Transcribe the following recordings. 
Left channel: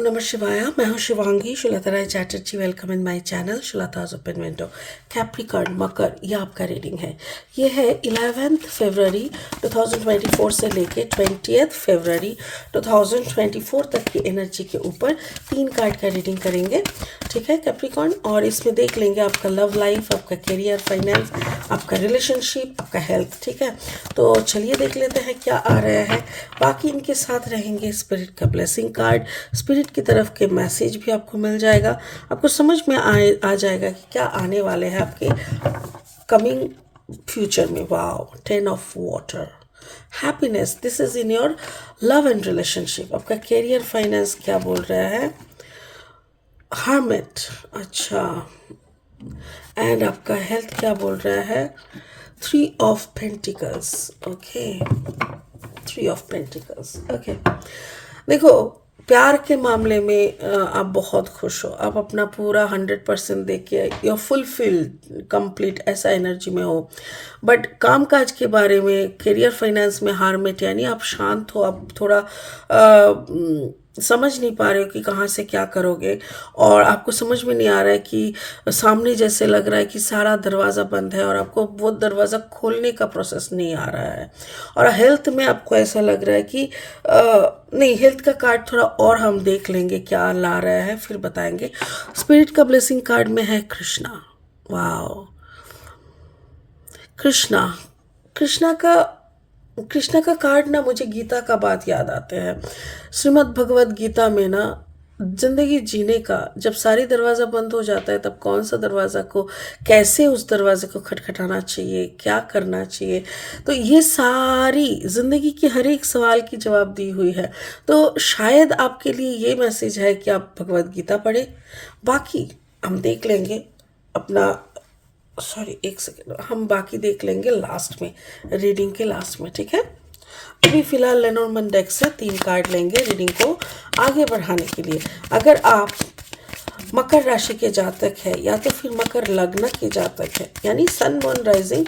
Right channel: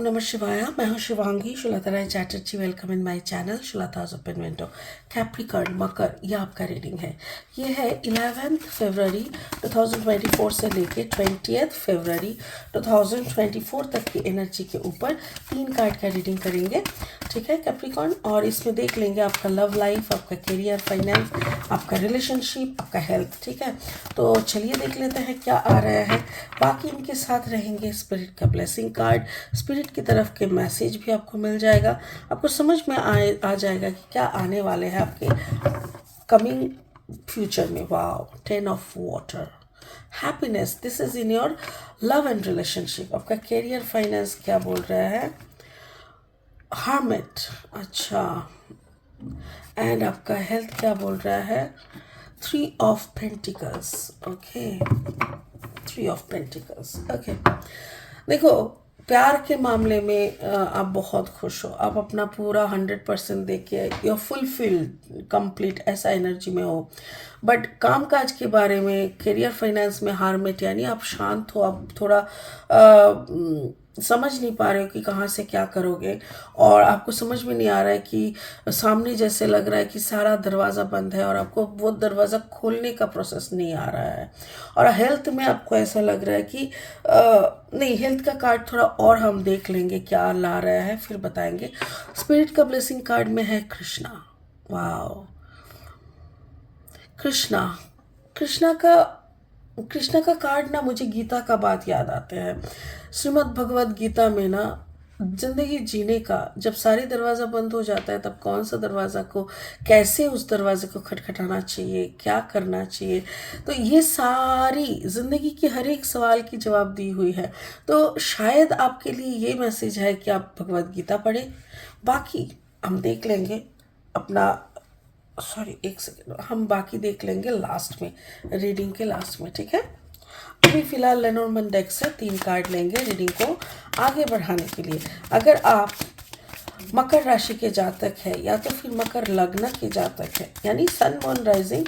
ओम नमः शिवाय। मैं हूँ Shivangi Shulata Rai Chatterjee. Welcome in my channel Shulata's open window. Capricorn मकर ये आपका रीडिंग है। ये है 11 फरवरी 2024 से लेके 20 फरवरी 2024 तक की एनर्जी के ऊपर 3 कार्ड का रीडिंग करेंगे, ठीक है कैप्रिकॉर्न। और इसमें देख लेंगे आपका लव लाइफ, आपका करियर, फाइनेंस, आपका रिलेशनशिप, आपका हेल्थ, ठीक है। तो चलिए देख लेते हैं क्या आ रहा है। बाकी इनके साथ रहेंगे स्पिरिट का ब्लेसिंग कार्ड, स्पिरिट की तरफ के मैसेज भी आपको मिल जाएगा। आपको समझ में आ जाएगा कि क्या आने वाले हैं आपके कमिंग फ्यूचर में। Wow, 10 of water, happiness, this is in your love and relationship. आपका करियर, फाइनेंस क्या बोल रहा है, हर्मिट, अच्छा। एंड आपका हेल्थ क्या बोल रहा है, 3 of pentacles, okay, 3 of pentacles, okay. देखो, प्यार के मामले में आप बहुत खुश हो, आप अपना पूरा 100% दे के यू फुलफिल्ड कंप्लीट ऐसा एनर्जी में हो। बट कामकाज के बारे में, करियर, फाइनेंस में हारमेट, यानी आप शांत हो, आप थोड़ा समझ नहीं पा रहे हो कि कहाँ से क्या करोगे। और आपको समझ में नहीं आ रहा है कि सामने जैसे लग रहा है कि सारा दरवाज़ा बंद है और आपको वो दरवाज़ा खोलने का प्रोसेस नहीं आ रहा है। और हेल्थ में आपको ऐसा लग रहा है कि नहीं, हेल्थ का कार्ड थोड़ा और हम देख लेंगे क्या ला रहा है, फिर बताएंगे। स्पिरिट का ब्लेसिंग कार्ड में है कृष्णा। वाओ, कृष्णा, कृष्णा का कृष्णा का कार्ड ना, मुझे गीता का बात याद आते हैं। श्रीमद् भगवत गीता में ना, जिंदगी जीने का जब सारी दरवाज़ा बंद हो जाता है तब कौन सा दरवाज़ा को, कैसे उस दरवाजे को खटखटाना चाहिए, क्या करना चाहिए, तो ये सारी ज़िंदगी की हर एक सवाल की जवाब दी हुई है। तो शायद आपके लिए ये मैसेज है कि आप भगवत गीता पढ़ें। बाकी हम देख लेंगे अपना, सॉरी एक सेकेंड, हम बाकी देख लेंगे लास्ट में, रीडिंग के लास्ट में, ठीक है। अभी फिलहाल लेनोर्मन डेक से 3 कार्ड लेंगे रीडिंग को आगे बढ़ाने के लिए। अगर आप मकर राशि के जातक है या तो फिर मकर लग्न के जातक है, यानी सन मून राइजिंग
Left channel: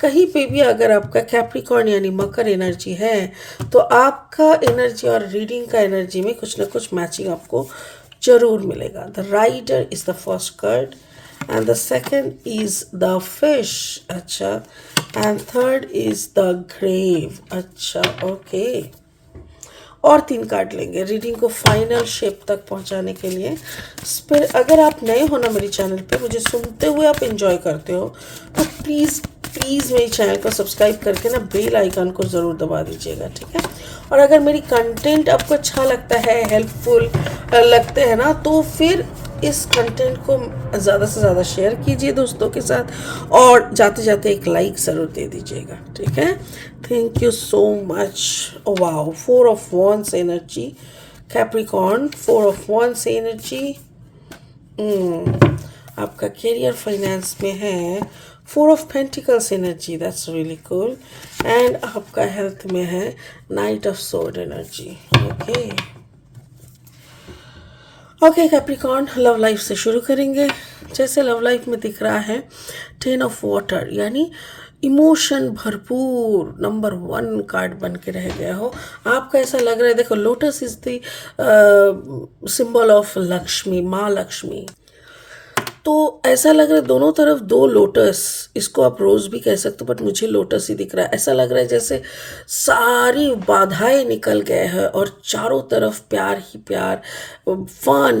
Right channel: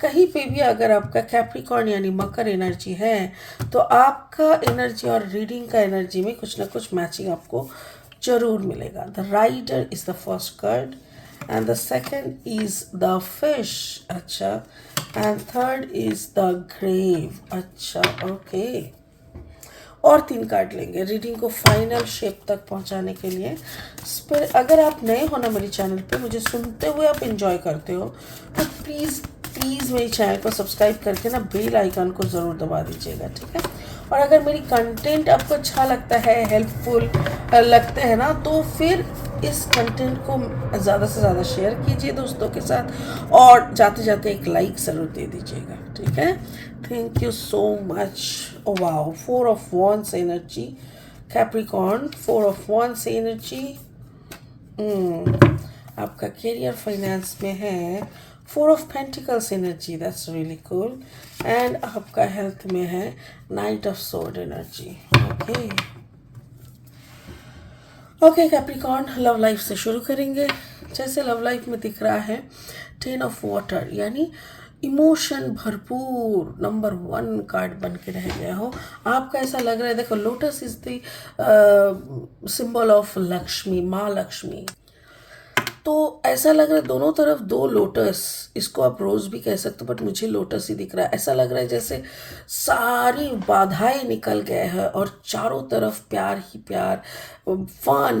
कहीं पे भी अगर आपका कैप्रिकॉर्न यानी मकर एनर्जी है, तो आपका एनर्जी और रीडिंग का एनर्जी में कुछ ना कुछ मैचिंग आपको जरूर मिलेगा। The rider is the first card and the second is the fish, अच्छा, and third is the grave, अच्छा, okay। और 3 कार्ड लेंगे रीडिंग को फाइनल शेप तक पहुंचाने के लिए। फिर अगर आप नए हो ना मेरे चैनल पे, मुझे सुनते हुए आप एंजॉय करते हो, तो प्लीज़ प्लीज़ मेरे चैनल को सब्सक्राइब करके ना बेल आइकन को ज़रूर दबा दीजिएगा, ठीक है। और अगर मेरी कंटेंट आपको अच्छा लगता है, हेल्पफुल लगते हैं ना, तो फिर इस कंटेंट को ज़्यादा से ज़्यादा शेयर कीजिए दोस्तों के साथ, और जाते जाते एक लाइक ज़रूर दे दीजिएगा, ठीक है। Thank you so much. Wow, 4 of wands energy, Capricorn 4 of wands energy. आपका करियर फाइनेंस में है 4 of pentacles energy, that's really cool. And आपका हेल्थ में है night of sword energy, okay. Okay Capricorn, love life से शुरू करेंगे। जैसे लव लाइफ में दिख रहा है 10 ऑफ वाटर, यानी इमोशन भरपूर नंबर 1 कार्ड बन के रह गया हो। आपका ऐसा लग रहा है, देखो lotus is the symbol of Lakshmi, माँ लक्ष्मी। तो ऐसा लग रहा है दोनों तरफ 2 लोटस, इसको आप रोज़ भी कह सकते हो, बट मुझे लोटस ही दिख रहा है। ऐसा लग रहा है जैसे सारी बाधाएं निकल गए हैं और चारों तरफ प्यार ही प्यार, फन,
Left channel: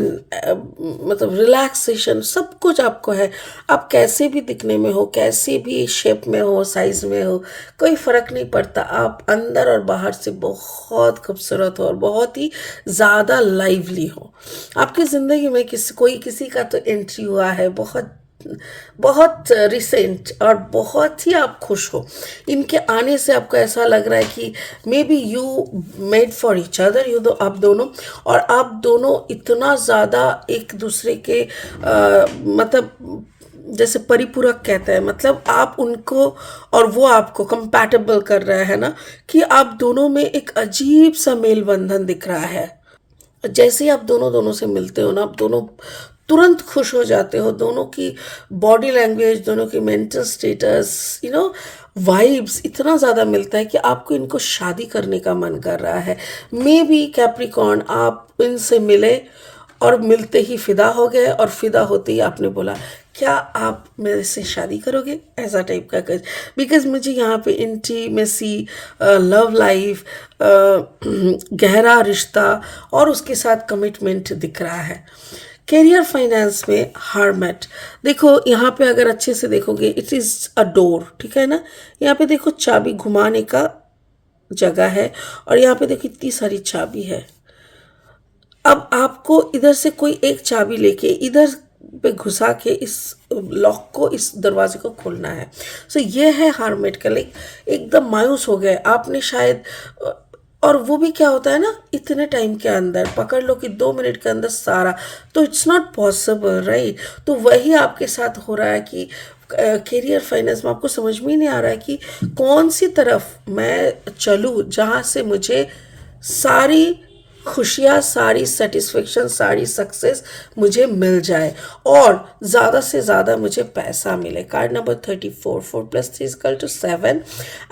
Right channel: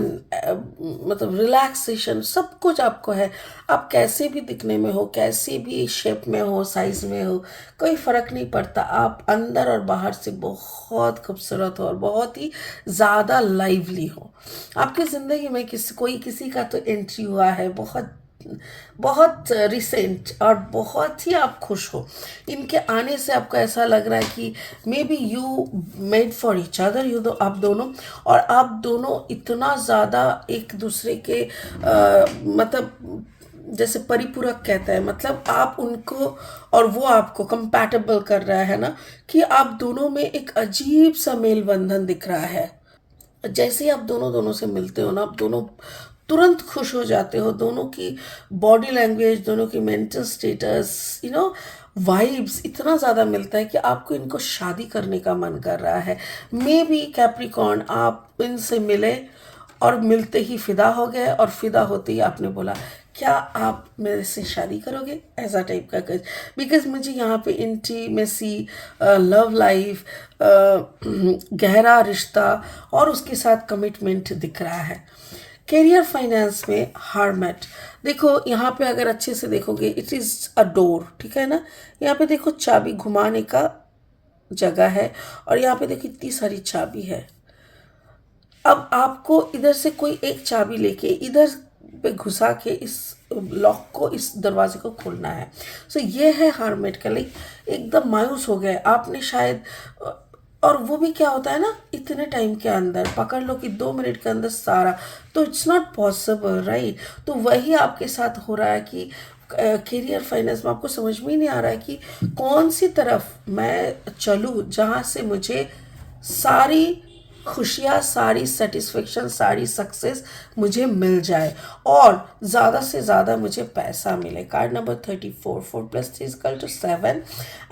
मतलब रिलैक्सेशन, सब कुछ आपको है। आप कैसे भी दिखने में हो, कैसे भी शेप में हो, साइज में हो, कोई फ़र्क नहीं पड़ता। आप अंदर और बाहर से बहुत खूबसूरत हो और बहुत ही ज़्यादा लाइवली हो। आपकी ज़िंदगी में कोई किसी का तो एंट्री हुआ है, बहुत बहुत रिसेंट, और बहुत ही आप खुश हो इनके आने से। आपको ऐसा लग रहा है कि may be you made for each other, आप दोनों, और आप दोनों इतना ज़्यादा एक दूसरे के मतलब जैसे परिपूरक कहता है, मतलब आप उनको और वो आपको कंपैटिबल कर रहा है ना, कि आप दोनों में एक अजीब सा मेल बंधन दिख रहा है। जैसे ही आप दोनों दोनों से मिलते हो ना, आप दोनों तुरंत खुश हो जाते हो। दोनों की बॉडी लैंग्वेज, दोनों की मेंटल स्टेटस, वाइब्स इतना ज़्यादा मिलता है कि आपको इनको शादी करने का मन कर रहा है। मे बी कैप्रिकॉर्न, आप इनसे मिले और मिलते ही फिदा हो गए, और फिदा होते ही आपने बोला क्या आप मेरे से शादी करोगे, ऐसा टाइप का कुछ। बिकॉज मुझे यहाँ पे इंटीमेसी, लव लाइफ, गहरा रिश्ता और उसके साथ कमिटमेंट दिख रहा है। कैरियर फाइनेंस में हार्मेट, देखो यहाँ पे अगर अच्छे से देखोगे इट इज़ अ डोर, ठीक है ना। यहाँ पे देखो चाबी घुमाने का जगह है, और यहाँ पे देखो इतनी सारी चाबी है। अब आपको इधर से कोई एक चाबी लेके इधर पे घुसा के इस लॉक को, इस दरवाजे को खोलना है। सो ये है हार्मेट का, लाइक एकदम मायूस हो गए आपने शायद। और वो भी क्या होता है ना, इतने टाइम के अंदर पकड़ लो कि 2 मिनट के अंदर सारा, तो इट्स नॉट पॉसिबल, राइट। तो वही आपके साथ हो रहा है कि कैरियर फाइनेंस में आपको समझ में ही नहीं आ रहा है कि कौन सी तरफ मैं चलूँ जहाँ से मुझे सारी खुशियाँ, सारी सेटिस्फेक्शन, सारी सक्सेस मुझे मिल जाए और ज़्यादा से ज़्यादा मुझे पैसा मिले। Card number 34, 4+3=7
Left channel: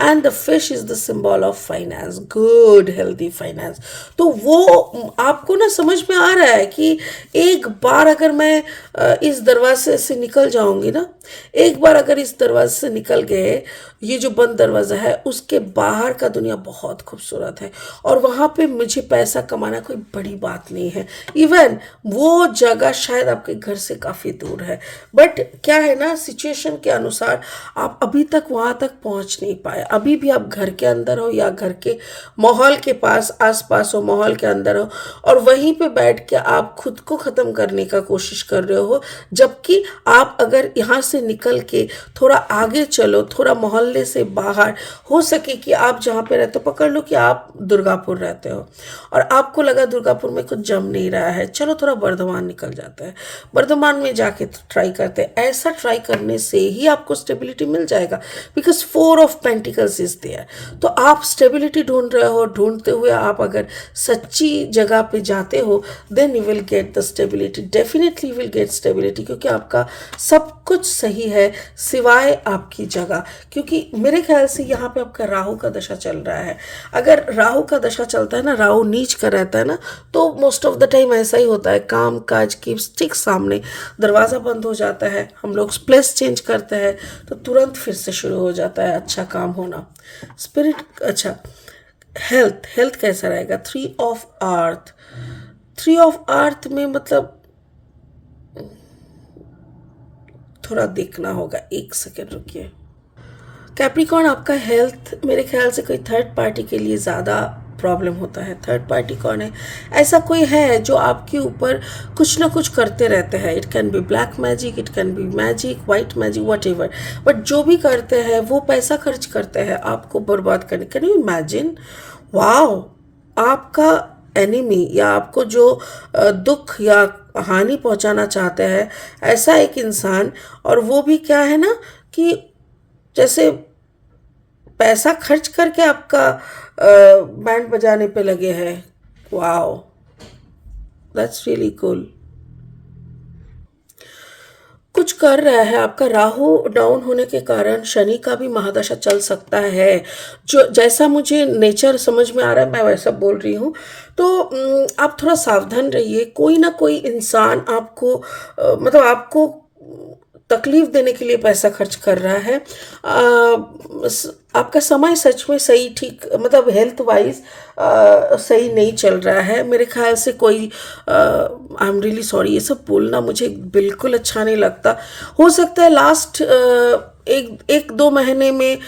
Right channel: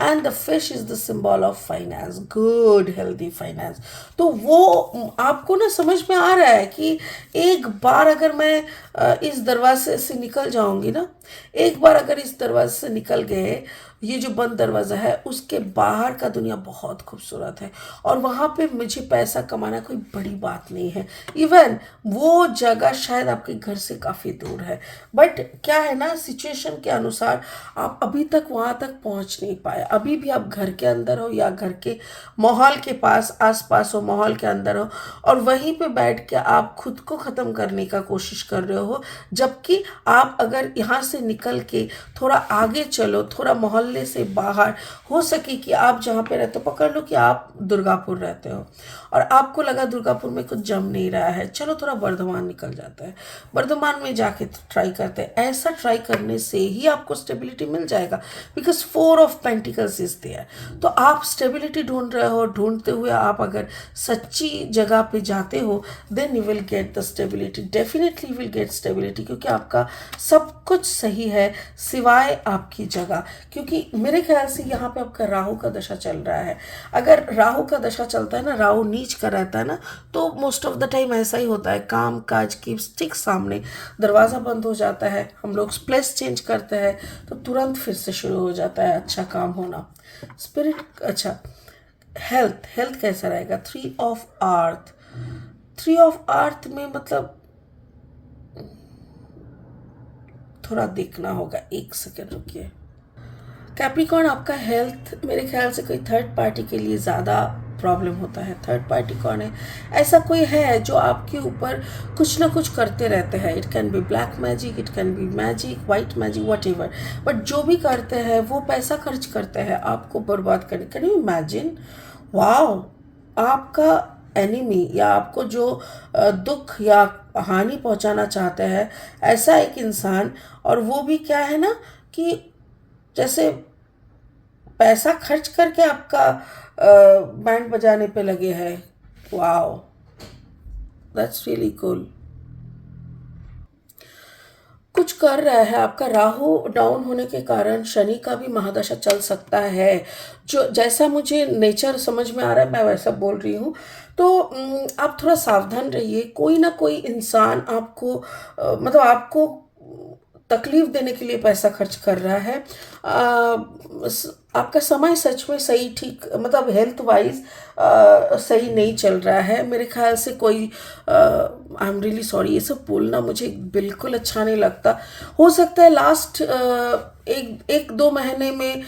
and the fish is the symbol of finance, good healthy finance. तो वो आपको ना समझ में आ रहा है कि एक बार अगर मैं इस दरवाजे से निकल जाऊंगी ना, एक बार अगर इस दरवाजे से निकल गए, ये जो बंद दरवाज़ा है उसके बाहर का दुनिया बहुत खूबसूरत है, और वहाँ पे मुझे पैसा कमाना कोई बड़ी बात नहीं है। इवन वो जगह शायद आपके घर से काफ़ी दूर है, बट क्या है ना, सिचुएशन के अनुसार आप अभी तक वहाँ तक पहुँच नहीं पाए। अभी भी आप घर के अंदर हो या घर के माहौल के पास आसपास हो, माहौल के अंदर हो, और वहीं पे बैठ के आप खुद को ख़त्म करने का कोशिश कर रहे हो। जबकि आप अगर यहाँ से निकल के थोड़ा आगे चलो, थोड़ा मोहल्ले से बाहर, हो सके कि आप जहाँ पे रहते हो, पकड़ लो कि आप दुर्गापुर रहते हो और आपको लगा दुर्गापुर में कुछ जम नहीं रहा है, चलो थोड़ा बर्धमान निकल जाता है, बर्धमान में जाके ट्राई करते हैं। ऐसा ट्राई करने से ही आपको स्टेबिलिटी मिल जाएगा, because 4 of pentacles is there. तो आप स्टेबिलिटी ढूंढ रहे हो, ढूंढते हुए आप अगर सच्ची जगह पे जाते हो, then you will get the stability, definitely you will get stability, क्योंकि आपका सब कुछ सही है सिवाय आपकी जगह। क्योंकि मेरे ख्याल से यहाँ पे आपका राहु का दशा चल रहा है। अगर राहु का दशा चलता है ना, राहु नीच का रहता है ना, तो मोस्ट ऑफ द टाइम ऐसा ही होता है, काम काज की ठीक सामने दरवाज़ा बंद हो जाता है, हम लोग प्लेस चेंज करते हैं तो तुरंत फिर से शुरू हो जाता है अच्छा काम होना। स्पिरिट, अच्छा हेल्थ, हेल्थ कैसा रहेगा? 3 ऑफ अर्थ, 3 ऑफ अर्थ में मतलब थोड़ा देखना होगा, 1 सेकेंड रुकिए। कैप्रिकॉर्न, आपका हेल्थ मेरे ख्याल से कोई थर्ड पार्टी के लिए ज़्यादा प्रॉब्लम होता है। थर्ड पार्टी कौन है? ऐसा कोई है जो आपके ऊपर कुछ ना कुछ करते रहते हैं। It can be black magic, it can be magic, white magic, what ever, but जो भी करते हैं वो पैसा खर्च करते हैं आपको बर्बाद करने। Can you imagine? वाओ, आपका एनिमी या आपको जो दुख या हानि पहुंचाना चाहते हैं, ऐसा एक इंसान, और वो भी क्या है ना कि जैसे पैसा खर्च करके आपका बैंड बजाने पे लगे हैं। Wow, that's really cool. कुछ कर रहा है, आपका राहु डाउन होने के कारण शनि का भी महादशा चल सकता है। जो जैसा मुझे नेचर समझ में आ रहा है मैं वैसा बोल रही हूँ। तो आप थोड़ा सावधान रहिए। कोई ना कोई इंसान आपको मतलब आपको तकलीफ देने के लिए पैसा खर्च कर रहा है। आपका समय सच में सही ठीक मतलब हेल्थ वाइज सही नहीं चल रहा है मेरे ख्याल से। कोई आई एम रियली सॉरी, ये सब बोलना मुझे बिल्कुल अच्छा नहीं लगता। हो सकता है लास्ट एक दो महीने में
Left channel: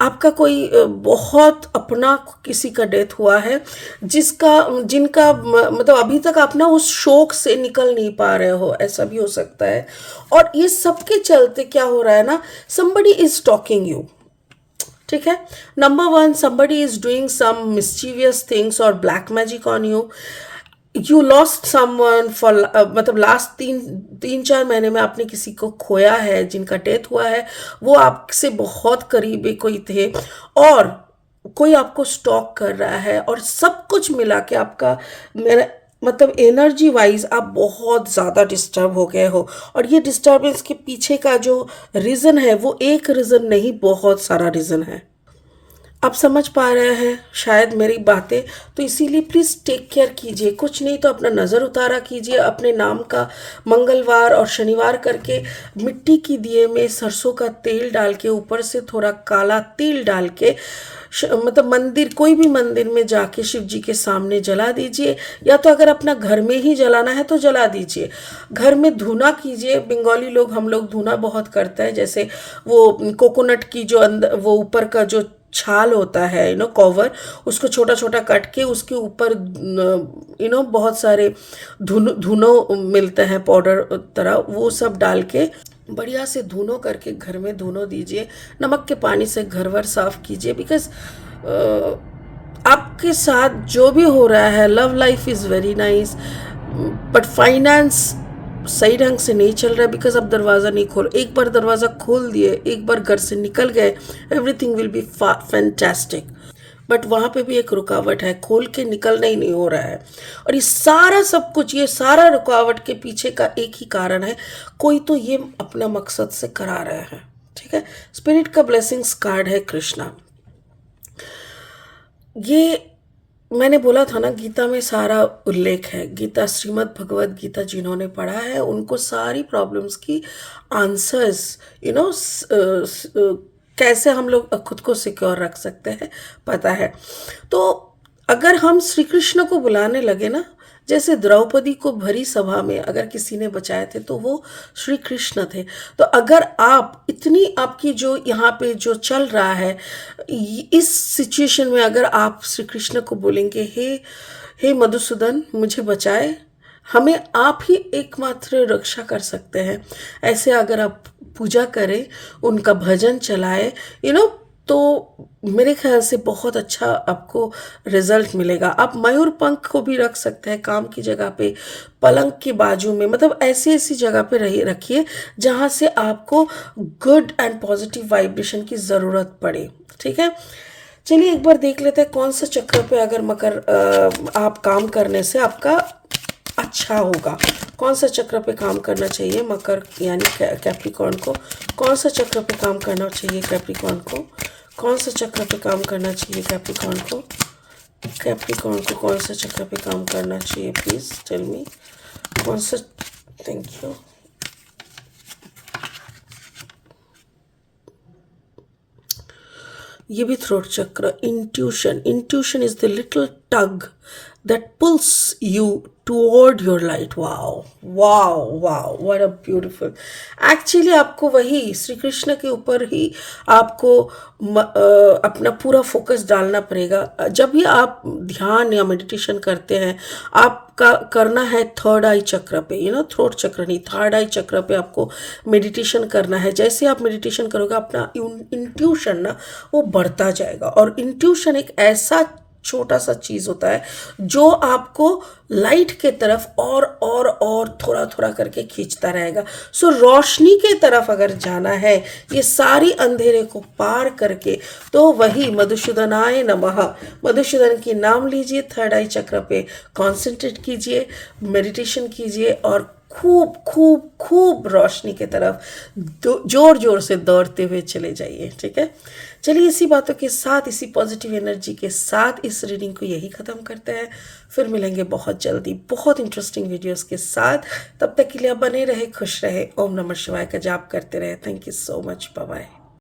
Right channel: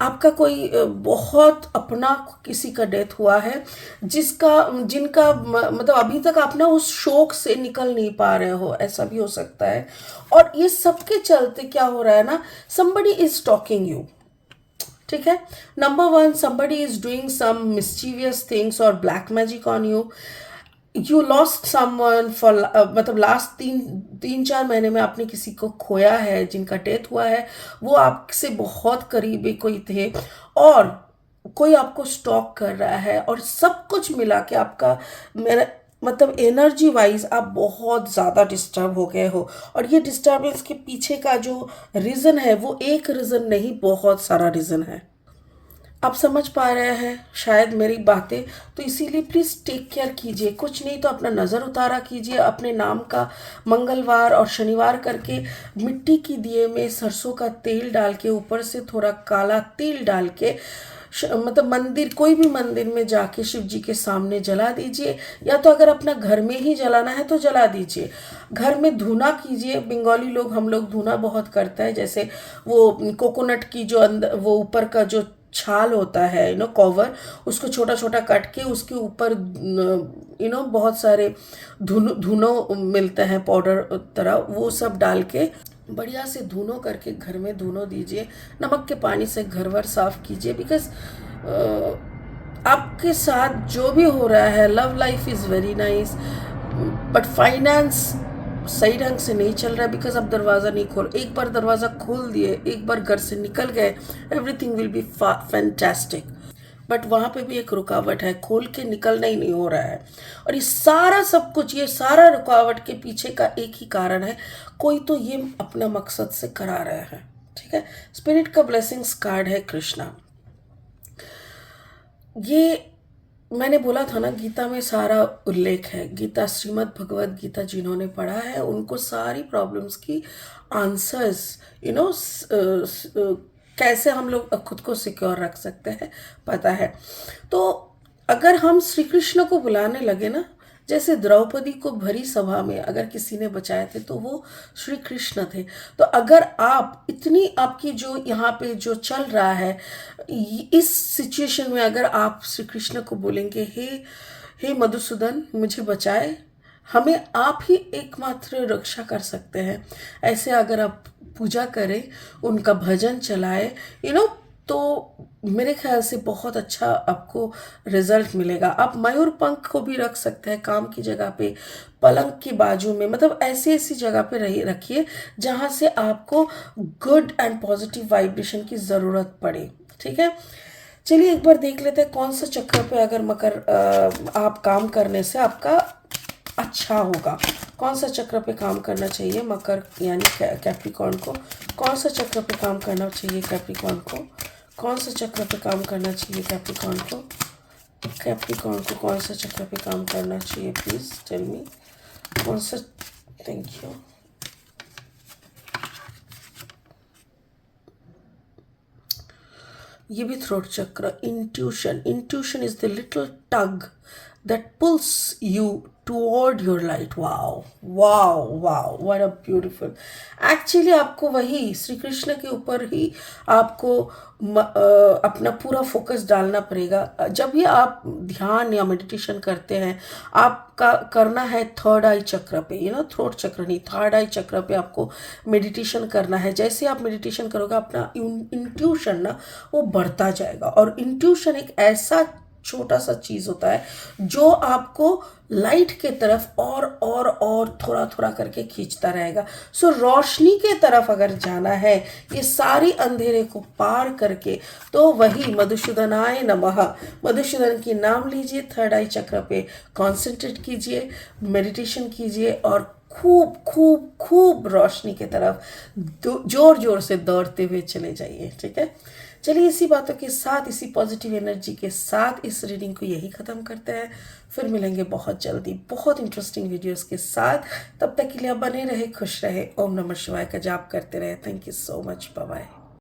आपका कोई बहुत अपना किसी का डेथ हुआ है, जिसका जिनका मतलब अभी तक आप ना उस शोक से निकल नहीं पा रहे हो, ऐसा भी हो सकता है। और ये सबके चलते क्या हो रहा है ना, somebody इज टॉकिंग यू, ठीक है। Number 1, somebody is doing some mischievous things और black magic on you. You lost someone for मतलब लास्ट 3-4 महीने में आपने किसी को खोया है, जिनका डेथ हुआ है। वो आपसे बहुत करीबी कोई थे और कोई आपको स्टॉक कर रहा है, और सब कुछ मिला के आपका मतलब एनर्जी वाइज आप बहुत ज़्यादा डिस्टर्ब हो गए हो, और ये डिस्टर्बेंस के पीछे का जो रीज़न है वो एक रीज़न नहीं, बहुत सारा रीज़न है। आप समझ पा रहे हैं शायद मेरी बातें, तो इसीलिए प्लीज़ टेक केयर कीजिए। कुछ नहीं तो अपना नज़र उतारा कीजिए, अपने नाम का मंगलवार और शनिवार करके मिट्टी की दिए में सरसों का तेल डाल के, ऊपर से थोड़ा काला तिल डाल के मतलब मंदिर, कोई भी मंदिर में जाके शिव जी के सामने जला दीजिए, या तो अगर अपना घर में ही जलाना है तो जला दीजिए। घर में धुना कीजिए, बंगाली लोग, हम लोग धुना बहुत करते हैं, जैसे वो कोकोनट की जो अंदर वो ऊपर का जो छाल होता है, कवर, उसको छोटा छोटा काट के उसके ऊपर बहुत सारे धुनो मिलते हैं पाउडर तरह, वो सब डाल के बढ़िया से धुनो करके घर में धुनो दीजिए। नमक के पानी से घर वर साफ कीजिए, बिकॉज आपके साथ जो भी हो रहा है, love life is very nice, but finance सही ढंग से नहीं चल रहा है, बिकॉज आप दरवाज़ा नहीं खोल, एक बार दरवाज़ा खोल दिए, एक बार घर से निकल गए, everything will be fantastic. But वहाँ पे भी एक रुकावट है, खोल के निकलना ही नहीं हो रहा है। और ये सारा सब कुछ, ये सारा रुकावट के पीछे का एक ही कारण है, कोई तो ये अपना मकसद से करा रहे हैं। ठीक है, स्पिरिट का ब्लेसिंग्स कार्ड है कृष्णा। ये मैंने बोला था ना, गीता में सारा उल्लेख है, गीता, श्रीमद् भगवत गीता जिन्होंने पढ़ा है उनको सारी प्रॉब्लम्स की आंसर्स, कैसे हम लोग खुद को सिक्योर रख सकते हैं पता है। तो अगर हम श्री कृष्ण को बुलाने लगे ना, जैसे द्रौपदी को भरी सभा में अगर किसी ने बचाए थे तो वो श्री कृष्ण थे। तो अगर आप इतनी, आपकी जो यहाँ पे जो चल रहा है, इस सिचुएशन में अगर आप श्री कृष्ण को बोलेंगे, हे मधुसूदन मुझे बचाए, हमें आप ही एकमात्र रक्षा कर सकते हैं, ऐसे अगर आप पूजा करें, उनका भजन चलाए, तो मेरे ख्याल से बहुत अच्छा आपको रिजल्ट मिलेगा। आप मयूर पंख को भी रख सकते हैं काम की जगह पे, पलंग के बाजू में, मतलब ऐसी ऐसी जगह पे रखिए जहाँ से आपको गुड एंड पॉजिटिव वाइब्रेशन की ज़रूरत पड़े। ठीक है, चलिए एक बार देख लेते हैं कौन सा चक्र पे अगर मकर आप काम करने से आपका अच्छा होगा। कौन सा चक्र पे काम करना चाहिए मकर यानी कैप्रिकॉर्न को, कौन सा चक्र पे काम करना चाहिए कैप्रिकॉर्न को, कौन सा चक्र पे काम करना चाहिए कैप्रिकॉर्न को, कैप्रिकॉर्न को कौन सा चक्र पे काम करना चाहिए, प्लीज़ टेल मी कौन सा। Thank you. ये भी थ्रोट चक्र, intuition, intuition is the little tug that pulls you toward your light. Wow, wow, wow, what a beautiful. Actually आपको वही श्री कृष्ण के ऊपर ही आपको अपना पूरा फोकस डालना पड़ेगा। जब भी आप ध्यान या मेडिटेशन करते हैं, आपका करना है थर्ड आई चक्र पे, थ्रोट चक्र नहीं, थर्ड आई चक्र पे आपको मेडिटेशन करना है। जैसे आप मेडिटेशन करोगे, अपना इंट्यूशन ना वो बढ़ता जाएगा, और इंट्यूशन एक ऐसा छोटा सा चीज़ होता है जो आपको लाइट के तरफ और थोड़ा थोड़ा करके खींचता रहेगा। सो रोशनी के तरफ अगर जाना है, ये सारी अंधेरे को पार करके, तो वही मधुसूदनाय नमः, मधुसूदन की नाम लीजिए, थर्ड आई चक्र पे कॉन्सेंट्रेट कीजिए, मेडिटेशन कीजिए, और खूब खूब खूब रोशनी के तरफ जोर जोर से दौड़ते हुए चले जाइए। ठीक है, चलिए इसी बातों के साथ, इसी पॉजिटिव एनर्जी के साथ इस रीडिंग को यही ख़त्म करते हैं। फिर मिलेंगे बहुत जल्दी बहुत इंटरेस्टिंग वीडियोस के साथ। तब तक के लिए आप बने रहे, खुश रहे, ओम नमः शिवाय का जाप करते रहे। Thank you so much, bye bye.